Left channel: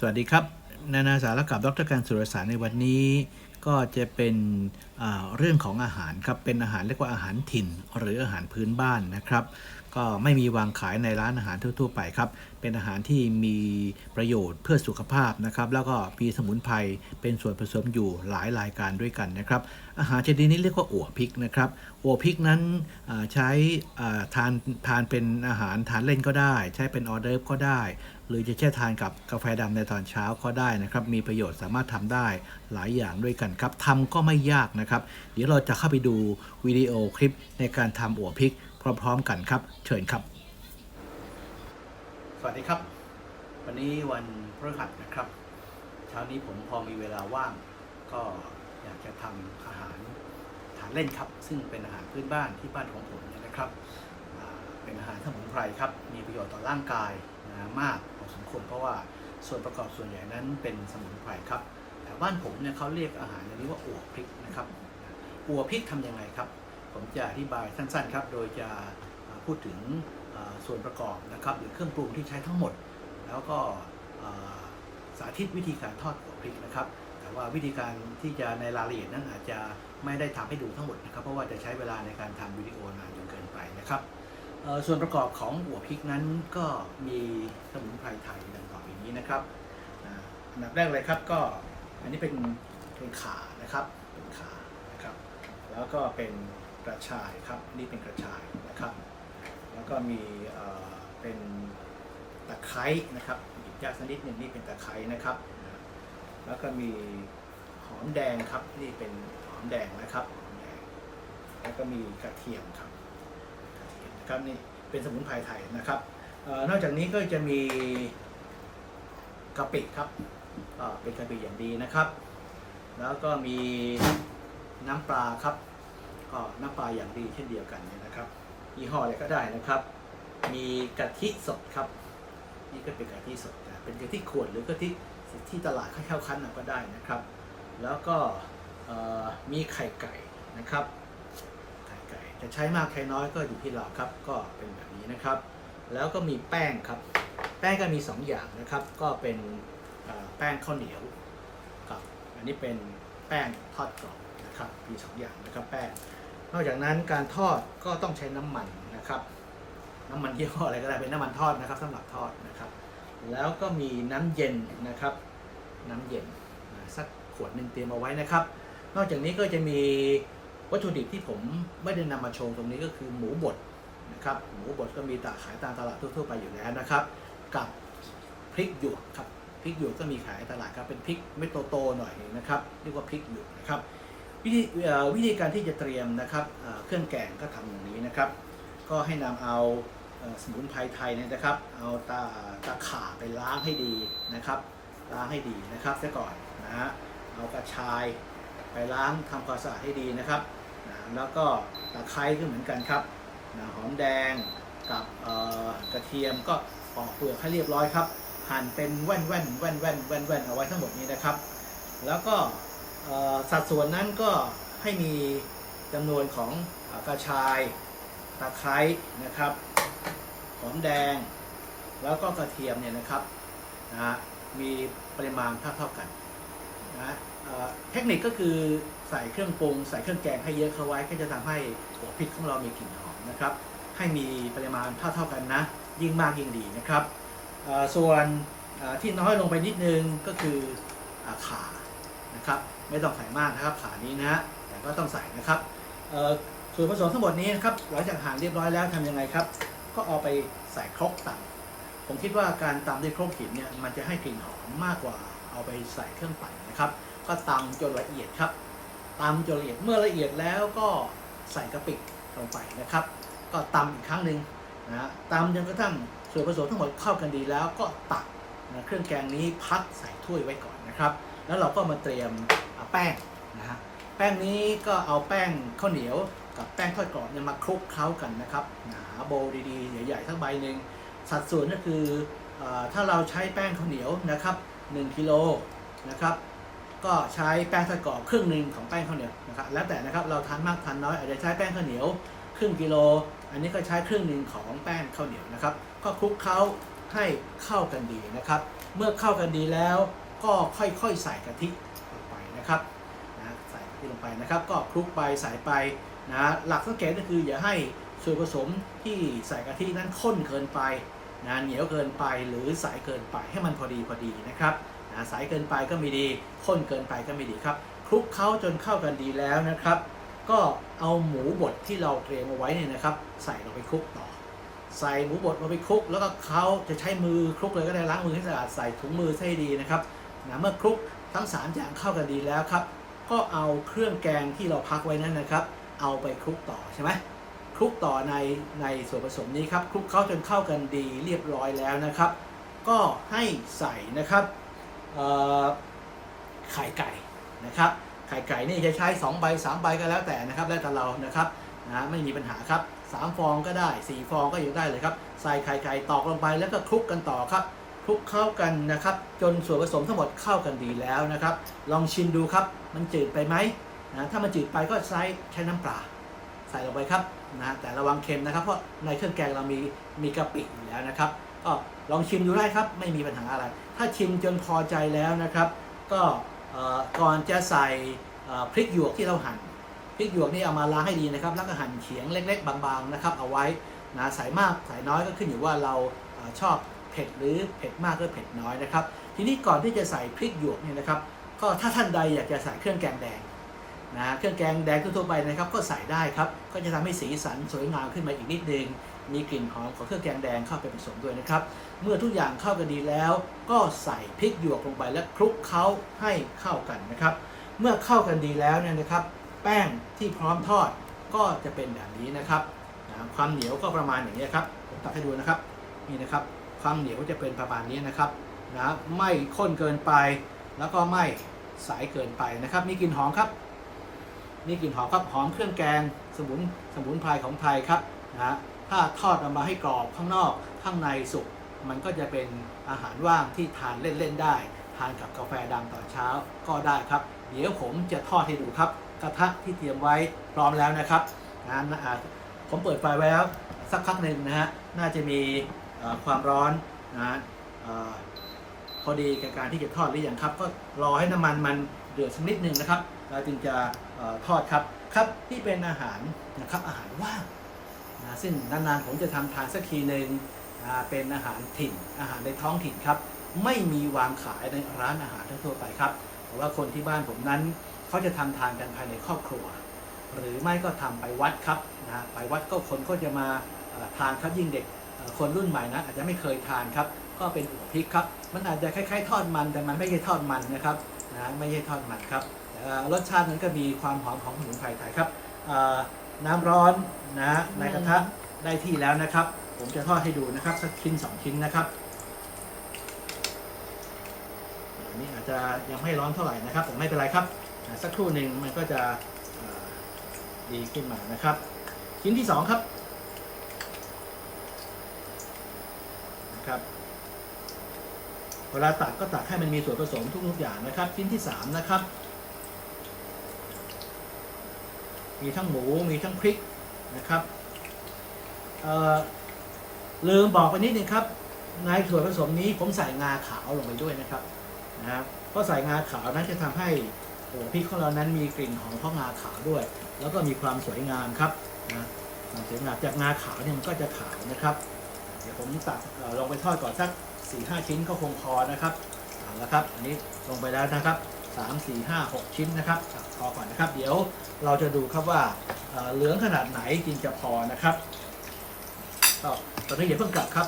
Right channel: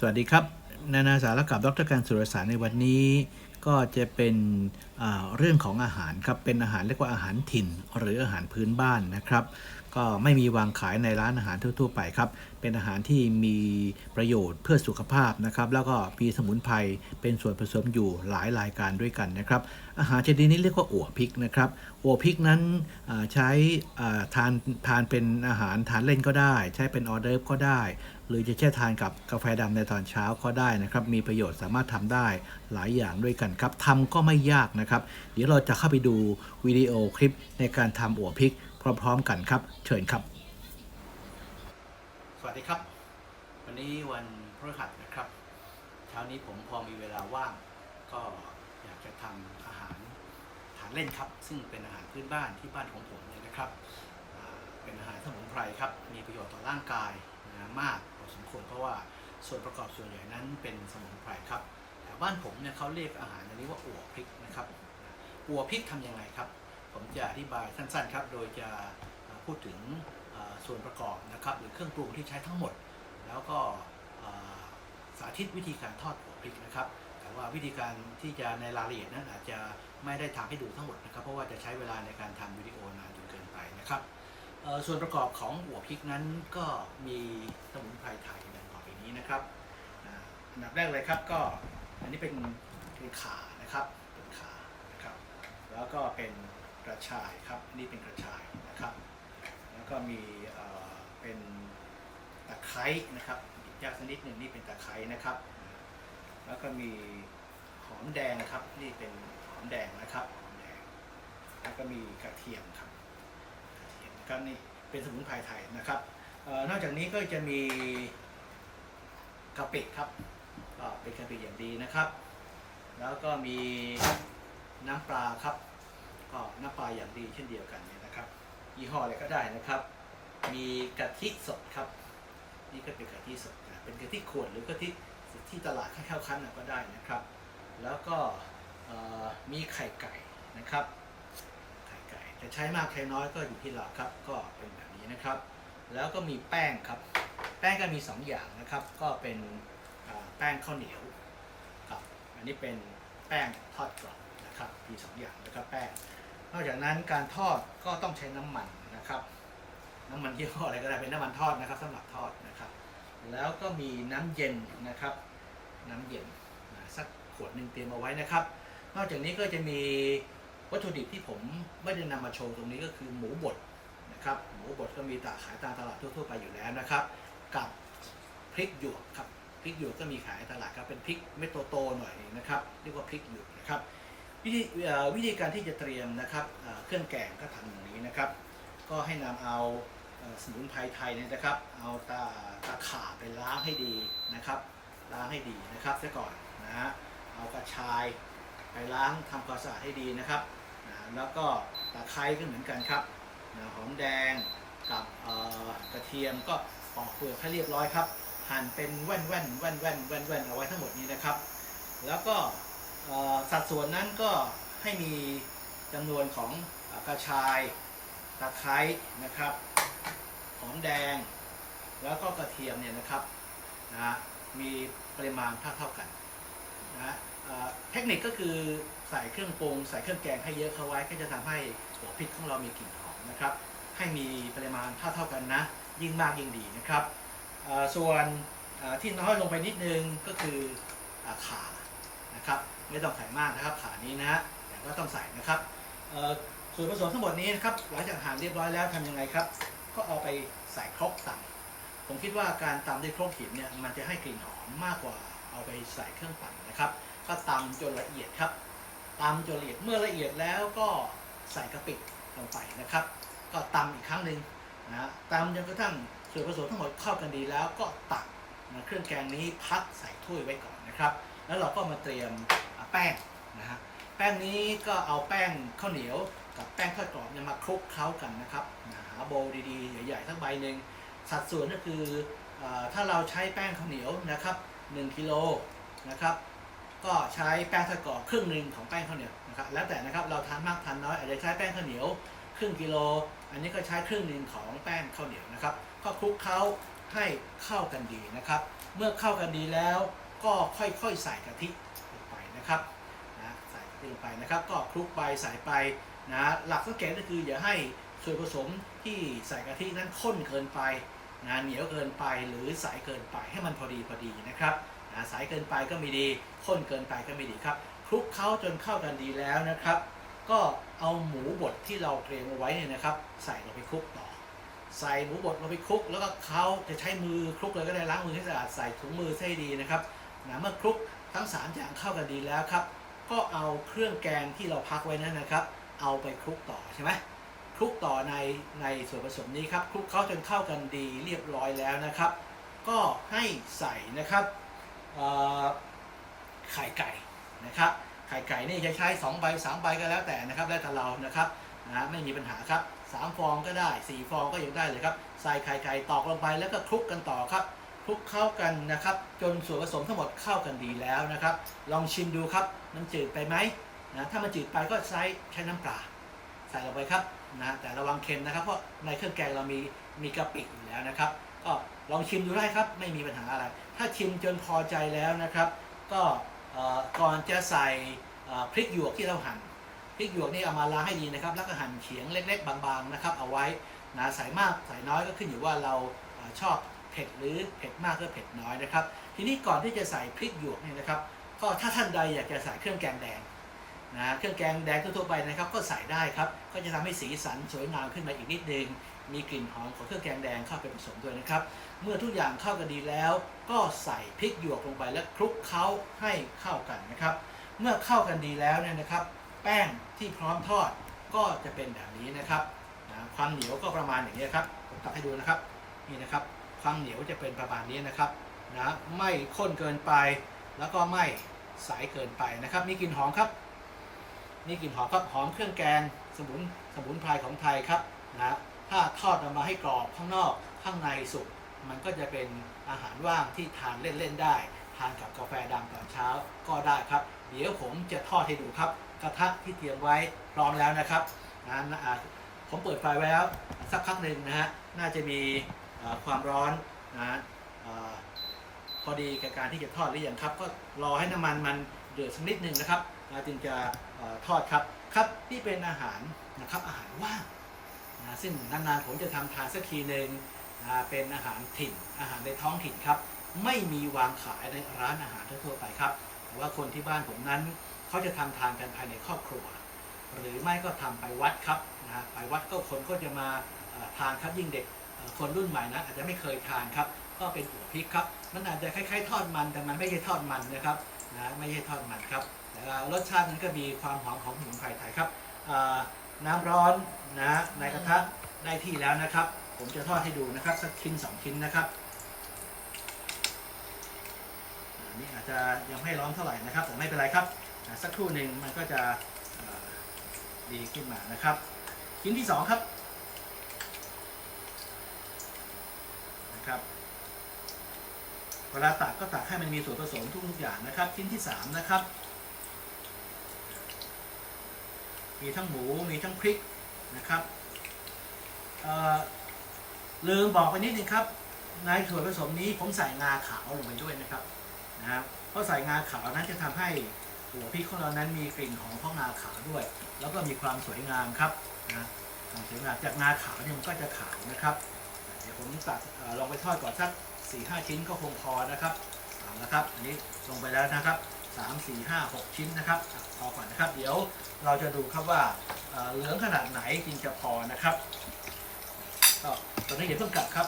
สวัสดีครับ นานาสารกับดรการสุรสารในวันนี้ ก็จะเป็นเรื่องของอาหารครับเป็นอาหารเรียกว่าอาหารถิ่น หรืออาหารพื้นบ้านนะครับ ก็ไม่มีวางขายในร้านอาหารทั่ว ๆ ไปครับ เป็นอาหารที่มีประโยชน์เพื่อสุขภาพนะครับ แล้วก็มีสมุนไพรเป็นส่วนผสมอยู่หลายรายการด้วยกันนะครับ อาหารชนิดนี้เรียกว่าอั่วพริกนะครับอั่วพริกนั้นใช้ทานทานเป็นอาหารทานเล่นก็ได้ ใช้เป็นออเดิร์ฟก็ได้หรือจะแช่ทานกับกาแฟดำในตอนเช้าก็ได้นะครับ มีประโยชน์สามารถทำได้หลายอย่างด้วยกันครับทำก็ไม่ยากนะครับ เดี๋ยวเราจะเข้าไปดูวิดีโอคลิปในการทำอั่วพริกพร้อมๆกันครับ เชิญครับ สวัสดีครับ วันนี้วันพฤหัสนะครับ เช้านี้ผมพอมีเวลาว่าง ก็อยากจะทำอาหารทานเล่นครับ ซึ่งเป็นอาหารพื้นบ้านที่บ้านของผมนะครับ เป็นอาหารสมุนไพรครับ มีประโยชน์ต่อร่างกายนะมากพอสมควรเพราะว่าส่วนประกอบส่วนใหญ่นั้นเป็นสมุนไพรครับ บ้านผมเนี่ยเขาเรียกอาหารอันนี้ว่าอั่วพริกนะครับอั่วพริกทำยังไงครับ ผมจะอธิบายสั้นๆครับ โดยจะพูดถึงส่วนประกอบนะครับ หรือเครื่องปรุงที่ใช้ทั้งหมด แล้วก็สาธิตวิธีการทอดหัวพริกนะครับ แต่ว่าวิธีการที่จะในรายละเอียดนั้นอาจจะไม่ได้ทำให้ดูทั้งหมดนะครับ เพราะว่าจะใช้เวลาในการทำวิดีโอนานจนเกินไปนะครับส่วนประกอบของหัวพริกนั้นก็มีสมุนไพรไทยดังต่อไปนี้นะครับอันดับแรกเลยครับก็ อันนี้เป็นเป็นขานะครับเป็นขานะครับ แล้วก็เป็นกระชายครับนี่เป็นกระชายนะครับ แล้วก็มีเอ่อเป็นตะไคร้นะครับอีกอย่างสักนิดหนึ่งนี่เป็นตะไคร้นะครับ แล้วก็มีหอมแดงครับนี่เป็นหอมแดงนะครับหอมแดงแล้วก็มีกระเทียมครับกระเทียมนะครับนี่เป็นสมุนไพรไทยนะครับออนอกจากนี้ก็จะมีกะปิครับ ก็เป็นกะปิอย่างดีนะครับ แล้วก็มีน้ำปลาครับ ก็น้ำปลาอย่างดีเช่นเดียวกันเนี่ยนะครับยี่ห้ออะไรก็ได้นะครับ มีกะทิสดครับ นี่ก็เป็นกะทิสดนะเป็นกะทิขวดหรือกะทิที่ตลาดเข้าคั้นก็ได้นะครับ แล้วก็มีไข่ไก่นะครับไข่ไก่จะใช้มากใช้น้อยก็อยู่ที่เราครับ ก็เป็นแบบนี้นะครับ แล้วก็มีแป้งครับ แป้งก็มี 2 อย่างนะครับ ก็เป็น แป้งข้าวเหนียวกับอันนี้เป็นแป้งทอดกรอบนะครับมี2อย่างนะครับแป้งนอกจากนั้นการทอดก็ต้องใช้น้ำมันนะครับ น้ำมันยี่ห้ออะไรก็ได้เป็นน้ำมันทอดนะครับสำหรับทอดนะครับ แล้วก็มีน้ำเย็นนะครับ น้ำเย็นนะสักขวดหนึ่งเตรียมเอาไว้นะครับ นอกจากนี้ก็จะมีวัตถุดิบที่ผมไม่ได้นำมาโชว์ตรงนี้ก็คือหมูบดนะครับหมูบดก็มีตาขายตามตลาดทั่วๆไปอยู่แล้วนะครับ กับพริกหยวกครับ ริกหยวกก็มีขายตลาดครับเป็นพริกเม็ดโตๆหน่อยนะครับเรียกว่าพริกหยวกนะครับวิธีวิธีการที่จะเตรียมนะครับเครื่องแกงก็ทำอย่างนี้นะครับ ก็ให้นำเอาเอ่อสมุนไพรไทยนะครับ เอาตาตาข่าไปล้างให้ดีนะครับล้างให้ดีนะครับซะก่อนนะฮะเอากระชายไปล้างทำความสะอาดให้ดีนะครับนะแล้วก็ตะไคร้ก็เหมือนกันครับนะหอมแดงกับกระเทียมก็ปอกเปลือกให้เรียบร้อยครับ หั่นเป็นแว่นแว่นแว่นแว่นแว่นแว่นเอาไว้ทั้งหมดนี้นะครับ แล้วก็สัดส่วนนั้นก็ให้มีจำนวนของกระชายตะไคร้นะครับหอมแดง แล้วก็กระเทียมเนี่ยนะครับนะมีปริมาณเท่าเท่ากันนะเทคนิคก็คือใส่เครื่องปรุงใส่เครื่องแกงให้เยอะเข้าไว้ก็จะทำให้หัวพริกของเรามีกลิ่นหอมนะครับ ให้มีปริมาณเท่าเท่ากันนะ ยิ่งมากยิ่งดีนะครับ ส่วนที่น้อยลงไปนิดนึงก็คืออขานะครับไม่ต้องใส่มากนะครับขานี้นะฮะแต่ก็ต้องใส่นะครับส่วนผสมทั้งหมดนี้นะครับหลังจากหั่นเรียบร้อยแล้วทำยังไงครับ ก็เอาไปใส่ครกตำผมคิดว่าการตำด้วยครกหินเนี่ยมันจะให้กลิ่นหอมมากกว่าเอาไปใส่เครื่องปั่นนะครับ ก็ตำจนละเอียดครับตำจนละเอียดเมื่อละเอียดแล้วก็ใส่กะปิลงไปนะครับ ก็ตำอีกครั้งหนึ่งนะตำจนกระทั่ง ส่วนผสมทั้งหมดเข้ากันดีแล้วก็ตักนะเครื่องแกงนี้พักใส่ถ้วยไว้ก่อนนะครับ แล้วเราก็มาเตรียมอ่าแป้งนะฮะแป้งนี้ก็เอาแป้งข้าวเหนียวกับแป้งทอดกรอบเนี่ยมาคลุกเคล้ากันนะครับหาโบดีๆ ใหญ่ๆทั้งใบหนึ่งสัดส่วนก็คือเออถ้าเราใช้แป้งข้าวเหนียวนะครับ1กิโลนะครับก็ใช้แป้งทอดกรอบครึ่งหนึ่งของแป้งข้าวเหนียวนะครับแล้วแต่นะครับเราทานมากทานน้อยอาจจะใช้แป้งข้าวเหนียว ครึ่งกิโล อันนี้ก็ใช้ครึ่งหนึ่งของแป้งข้าวเหนียวนะครับ ก็คลุกเคล้าให้เข้ากันดีนะครับ เมื่อเข้ากันดีแล้วก็ค่อยๆใส่กะทิลงไปนะครับนะใส่กะทิลงไปนะครับ ก็คลุกไปใส่ไปนะหลักสังเกตก็คืออย่าให้ส่วนผสมที่ใส่กะทินั้นข้นเกินไปนะเหนียวเกินไปหรือใสเกินไปให้มันพอดีพอดีนะครับนะใสเกินไปก็ไม่ดีข้นเกินไปก็ไม่ดีครับคลุกเคล้าจนเข้ากันดีแล้วนะครับ ก็เอาหมูบดที่เราเตรียมเอาไว้เนี่ยนะครับ ใส่ลงไปคลุกต่อ ใส่หมูบดลงไปคลุก แล้วก็เขาจะใช้มือคลุกเลยก็ได้ล้างมือให้สะอาดใส่ถุงมือให้ดีนะครับนะเมื่อคลุกทั้งสามอย่างเข้ากันดีแล้วครับ ก็เอาเครื่องแกงที่เราพักไว้นั้นนะครับ เอาไปคลุกต่อใช่ไหมคลุกต่อในในส่วนผสมนี้ครับคลุกเข้าจนเข้ากันดีเรียบร้อยแล้วนะครับ ก็ให้ใส่นะครับไข่ไก่นะครับ ไข่ไก่นี่จะใช้2ใบ3ใบก็แล้วแต่นะครับแล้วแต่เรานะครับนะไม่มีปัญหาครับ3ฟองก็ได้ 4 ฟองก็ยังได้เลยครับใส่ไข่ไก่ตอกลงไปแล้วก็คลุกกันต่อครับคลุกเข้ากันนะครับ จนส่วนผสมทั้งหมดเข้ากันดีแล้วนะครับ ลองชิมดูครับ มันจืดไปไหมนะถ้ามันจืดไปก็ใช้ใช้น้ำปลาใส่ลงไปครับนะแต่ระวังเค็มนะครับ เพราะในเครื่องแกงเรามีมีกะปิอยู่แล้วนะครับ ก็ลองชิมดูได้ครับ ไม่มีปัญหาอะไร ถ้าชิมจนพอใจแล้วนะครับ ก็ ก่อนจะใส่พริกหยวกที่เราหั่นพริกหยวกนี่เอามาล้างให้ดีนะครับ แล้วก็หั่นเฉียงเล็ก ๆ บางๆนะครับ เอาไว้นะใส่มากใส่น้อยก็ขึ้นอยู่ว่าเราชอบเผ็ดหรือเผ็ดมากก็เผ็ดน้อยนะครับ ทีนี้ก่อนที่จะใส่พริกหยวกเนี่ยนะครับ ก็ถ้าท่านใดอยากจะใส่เครื่องแกงแดงนะเครื่องแกงแดงทั่วไปนะครับ ก็ใส่ได้ครับ ก็จะทำให้สีสันสวยงามขึ้นมาอีกนิดนึง มีกลิ่นหอมของเครื่องแกงแดงเข้าไปผสมด้วยนะครับ เมื่อทุกอย่างเข้ากันดีแล้ว ก็ใส่พริกหยวกลงไปและคลุกเคล้าให้เข้ากันนะครับ เมื่อเข้ากันดีแล้วเนี่ยนะครับ แป้งที่พร้อมทอดก็จะเป็นแบบนี้นะครับ ความเหนียวก็ประมาณอย่างนี้ครับผมตักให้ดูนะครับนี่นะครับ ความเหนียวจะเป็นประมาณนี้นะครับนะไม่ข้นเกินไป แล้วก็ไม่ใสเกินไปนะครับมีกลิ่นหอมครับมีกลิ่นหอมครับหอมเครื่องแกงสมุนสมุนไพรของไทยครับนะ ถ้าทอดออกมาให้กรอบข้างนอกข้างในสุกมันก็จะเป็นอาหารว่างที่ทานเล่นๆได้ ทานกับกาแฟดำตอนเช้าก็ได้ครับ เดี๋ยวผมจะทอดให้ดูครับ กระทะที่เตรียมไว้พร้อมแล้วนะครับนะนะอ่ผมเปิดไฟไว้แล้วสักพักหนึ่งนะฮะน่าจะมีความร้อนนะออพอดีกับการที่จะทอดหรือยังครับ ก็รอให้น้ำมันมันเดือดสักนิดหนึ่งนะครับเราจึงจะออทอดครับครับนี่เป็นอาหารนะครับอาหารว่าง นะซึ่งนานๆผมจะทำทานสักทีหนึ่งเป็นอาหารถิ่นอาหารในท้องถิ่นครับ ไม่มีวางขายในร้านอาหารทั่วๆไปครับ แต่ว่าคนที่บ้านผมนั้นเขาจะทำทานกันภายในครอบครัว หรือไม่ก็ทำไปวัดครับนะไปวัดก็คนก็จะมาทานครับยิ่งเด็กคนรุ่นใหม่นะอาจจะไม่เคยทานครับ ก็เป็นอุพริกครับ มันอาจจะคล้ายๆ ทอดมันแต่มันไม่ใช่ทอดมันนะครับนะไม่ใช่ทอดมันครับรสชาตินั้นก็มีความหอมของสมุนไพรไทยครับ น้ำร้อนนะในกระทะได้ที่แล้วนะครับ ผมจะทอดให้ดูนะครับสักชิ้นสองชิ้นนะครับอันนี้อาจจะยังไม่ร้อนเท่าไหร่นะครับแต่ไม่เป็นไรครับอ่าสักครู่หนึ่งมันก็จะอ่าดีขึ้นมานะครับ ชิ้นที่สองครับนะครับ เวลาตักก็ตักให้มันมีส่วนผสมทุกๆอย่างนะครับ ชิ้นที่สามนะครับ มีทั้งหมูมีทั้งพริกนะครับลืมบอกไปนิดนึงครับ ในส่วนผสมนี้ผมใส่งาขาวลงไปด้วยนะครับนะครับเพราะใส่งาขาวนั้นจะทำให้หัวพริกของเรานั้นมีกลิ่นหอมของงาขาวด้วย แล้วก็มีความสวยงามครับนะความสวยงามจากงาขาวเนี่ยมันก็จะขาวนะครับ เดี๋ยวผมตัดเอ่อลงไปทอดก่อนสักสี่ห้าชิ้นก็คงพอนะครับเอาละครับ อันนี้ลงไปแล้วนะครับ สามสี่ห้าหกชิ้นนะครับพอก่อนนะครับ เดี๋ยวเราจะดูครับว่าเหลืองขนาดไหนจึงจะพอนะครับก็ตอนนี้อย่าเพิ่งกลับครับ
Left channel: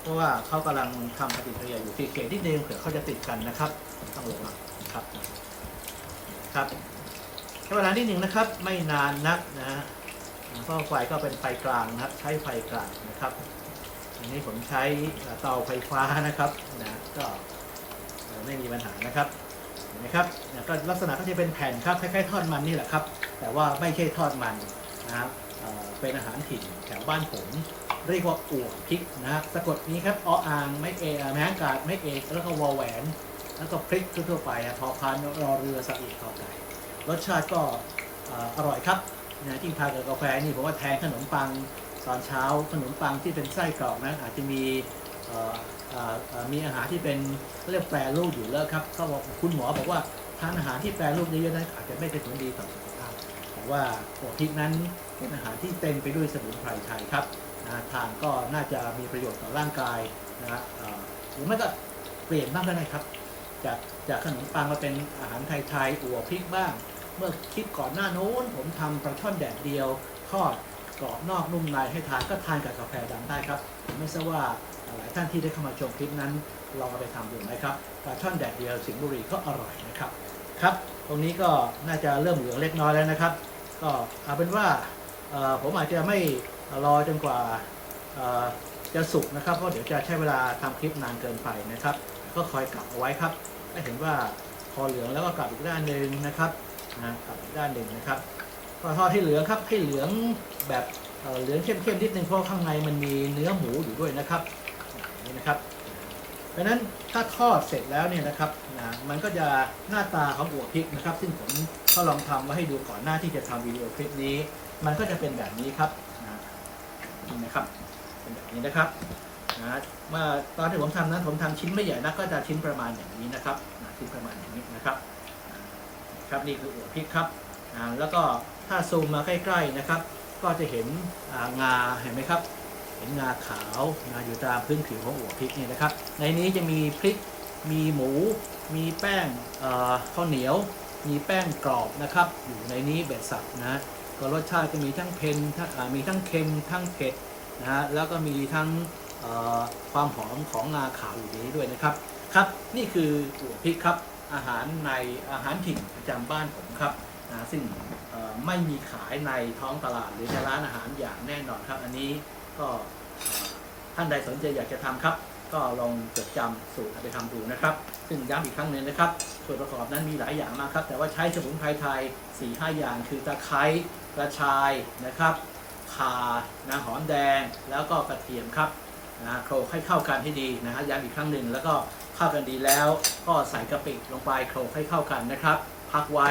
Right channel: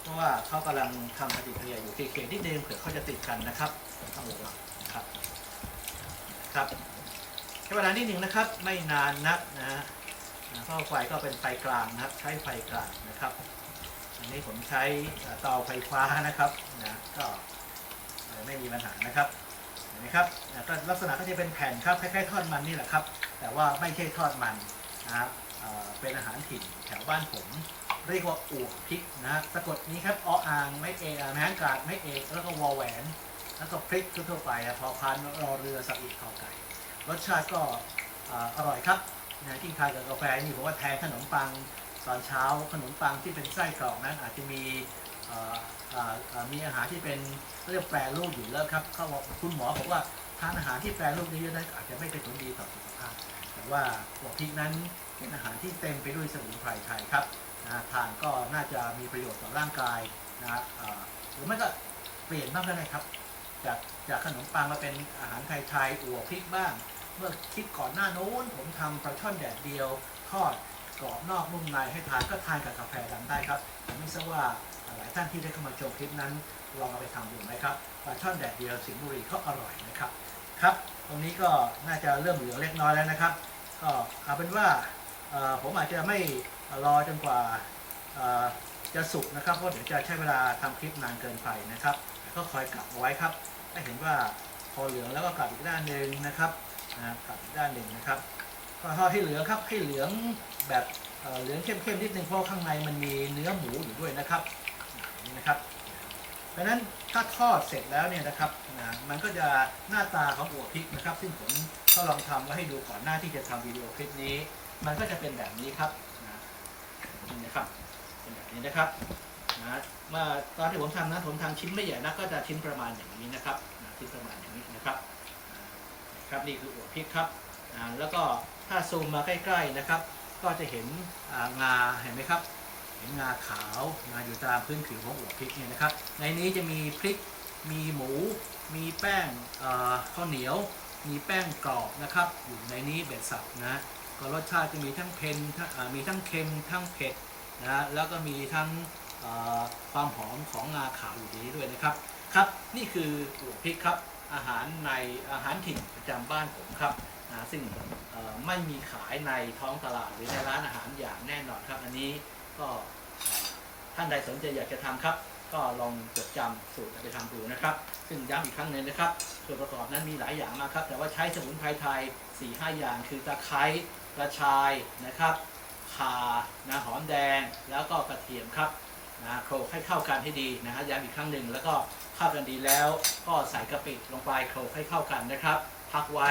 เพราะว่าเขากำลังทำปฏิกิริยาอยู่ที่เกตที่เดิมเผื่อเขาจะติดกันนะครับต้องระวังครับครับใช้เวลาที่หนึ่งนะครับ ไม่นานนักนะฮะเพราะไฟก็เป็นไฟกลางนะครับ ใช้ไฟกลางนะครับอันนี้ผมใช้เอ่อเตาไฟฟ้านะครับนะก็ไม่มีปัญหานะครับ นไหมครับก็ลักษณะก็จะเป็นแผ่นครับคล้ายๆทอดมันนี่แหละครับ แต่ว่าไม่ใช่ทอดมันนะครับเป็นอาหารถิ่นแถวบ้านผมเรียกว่าอ่วงพริกนะสะกดนี้ครับออ่างไม่เอแมงกาดไม่เอแล้วก็วอแหวน แล้วก็พริกทั่วไปอะพอพานรอเรือสะอีกขอไก่รสชาติก็อร่อยครับนะที่ทานกับกาแฟนี่ผมว่าแทนขนมปังตอนเช้าขนมปังที่เป็นไส้กรอกนั้นอาจจะมี มีอาหารที่เป็นเรียกแปรรูปอยู่แล้วครับเขาบอกคุณหมอบอกว่าทานอาหารที่แปรรูปเยอะๆนั้นอาจจะไม่เป็นผลดีต่อสุขภาพ แต่ว่าหัวพริกนั้นเป็นอาหารที่เต็มไปด้วยสมุนไพรไทยครับนะทานก็น่าจะมีประโยชน์ต่อร่างกายนะหรือไม่ก็เปลี่ยนบ้างก็ได้ครับ จากจากขนมปังมาเป็นอาหารไทยๆอั่วพริกบ้าง เมื่อคลิปก่อนหน้าโน้น ผมทำปลาช่อนแดดเดียว ทอดกรอบนอกนุ่มในให้ทานก็ทานกับกาแฟดำได้ครับ ไม่ทราบว่าหลายท่านที่ได้เข้ามาชมคลิปนั้นลองไปทำดูไหมครับปลาช่อนแดดเดียวสิงห์บุรีก็อร่อยนะครับครับ ตรงนี้ก็น่าจะเริ่มเหลืองเล็กน้อยแล้วนะครับ ก็เอาเป็นว่าผมอาจจะไม่รอจนกว่าจะสุกนะครับเพราะเดี๋ยวจะใช้เวลาทำคลิปนานเกินไปนะครับ ก็คอยกลับเอาไว้ครับให้เห็นว่าพอเหลืองแล้วก็กลับอีกด้านหนึ่งนะครับกลับอีกด้านหนึ่งนะครับก็ทอดให้เหลืองครับให้เหลืองแบบ เหลืองเข้มๆนิดนึงเพราะข้างในมันมีเนื้อหมูอยู่ด้วยนะครับนี้นะครับดังนั้นถ้าทอดเสร็จแล้วเนี่ยนะครับนะมันก็จะหน้าตาของหัวพริกนะครับ ซึ่งผมก็ลองทำไว้ให้ดูก่อนหน้าที่จะทำวิดีโอคลิปนี้ มันก็จะเป็นแบบนี้ครับนะนี่นะครับ เป็นแบบนี้นะครับนะเมื่อตอนที่ผมทำนั้นผมทำชิ้นไม่ใหญ่นะก็จะชิ้นประมาณอย่างนี้นะครับนะชิ้นประมาณอย่างนี้นะครับครับนี่คือหัวพริกครับแล้วก็ถ้าซูมมาใกล้ ๆนะครับ ก็จะเห็นงาเห็นไหมครับ เห็นงาขาวงาอยู่ตามพื้นผิวของหัวพริกเนี่ยนะครับ ในนี้จะมีพริก มีหมู มีแป้งข้าวเหนียว มีแป้งกรอบนะครับ อยู่ในนี้เบ็ดสับนะก็รสชาติจะมีทั้งเผ็ดทั้งมีทั้งเค็มทั้งเผ็ดนะฮะแล้วก็มีทั้งความหอมของงาขาวอยู่ในนี้ด้วยนะครับครับ นี่คือหัวพริกครับอาหารในอาหารถิ่นประจำบ้านผมครับนะซึ่ง ไม่มีขายในท้องตลาดหรือในร้านอาหารอย่างแน่นอนครับ อันนี้ก็ท่านใดสนใจอยากจะทำครับ ก็ลองจดจำสูตรไปทำดูนะครับ ซึ่งย้ำอีกครั้งหนึ่งนะครับ ส่วนประกอบนั้นมีหลายอย่างมากครับ แต่ว่าใช้สมุนไพรไทย4-5อย่าง คือตะไคร้กระชายนะครับข่านะหอมแดงแล้วก็กระเทียมครับนะโขลกให้เข้ากันให้ดีนะฮะย้ำอีกครั้งหนึ่งแล้วก็เข้ากันดีแล้วก็ใส่กะปิลงไปโขลกให้เข้ากันนะครับ พักไว้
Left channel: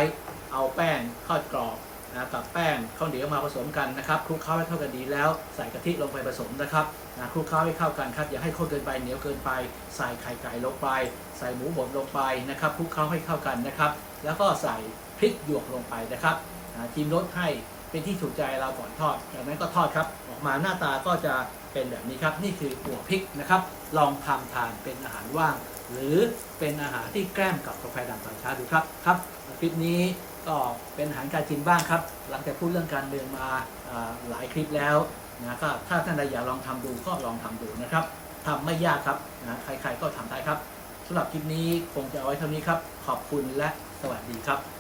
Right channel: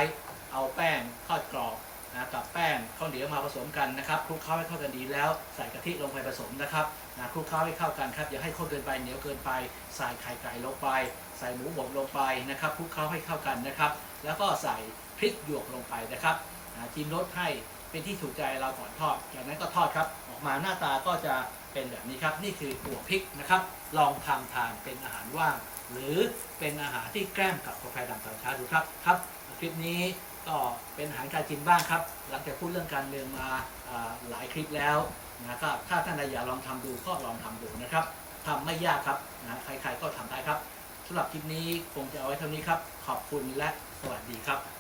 เอาแป้งทอดกรอบนะกับแป้งข้าวเหนียวมาผสมกันนะครับคลุกเคล้าให้เข้ากันดีแล้วใส่กะทิลงไปผสมนะครับนะคลุกเคล้าให้เข้ากันครับอย่าให้ข้นเกินไปเหนียวเกินไป ใส่ไข่ไก่ลงไป ใส่หมูบดลงไปนะครับคลุกเคล้าให้เข้ากันนะครับ แล้วก็ใส่พริกหยวกลงไปนะครับนะจิ้มรสให้เป็นที่ถูกใจเราก่อนทอดจากนั้นก็ทอดครับออกมาหน้าตาก็จะเป็นแบบนี้ครับ นี่คือหัวพริกนะครับ ลองทำทานเป็นอาหารว่าง หรือเป็นอาหารที่แกล้มกับกาแฟดำตอนเช้าดูครับครับ คลิปนี้ก็เป็นหารการจินบ้างครับ หลังจากพูดเรื่องการเมืองมาหลายคลิปแล้วนะครับถ้าท่านใดอยากลองทำดูก็ลองทำดูนะครับทำไม่ยากครับนะใครๆก็ทำได้ครับสำหรับคลิปนี้คงจะเอาไว้เท่านี้ครับ ขอบคุณและสวัสดีครับ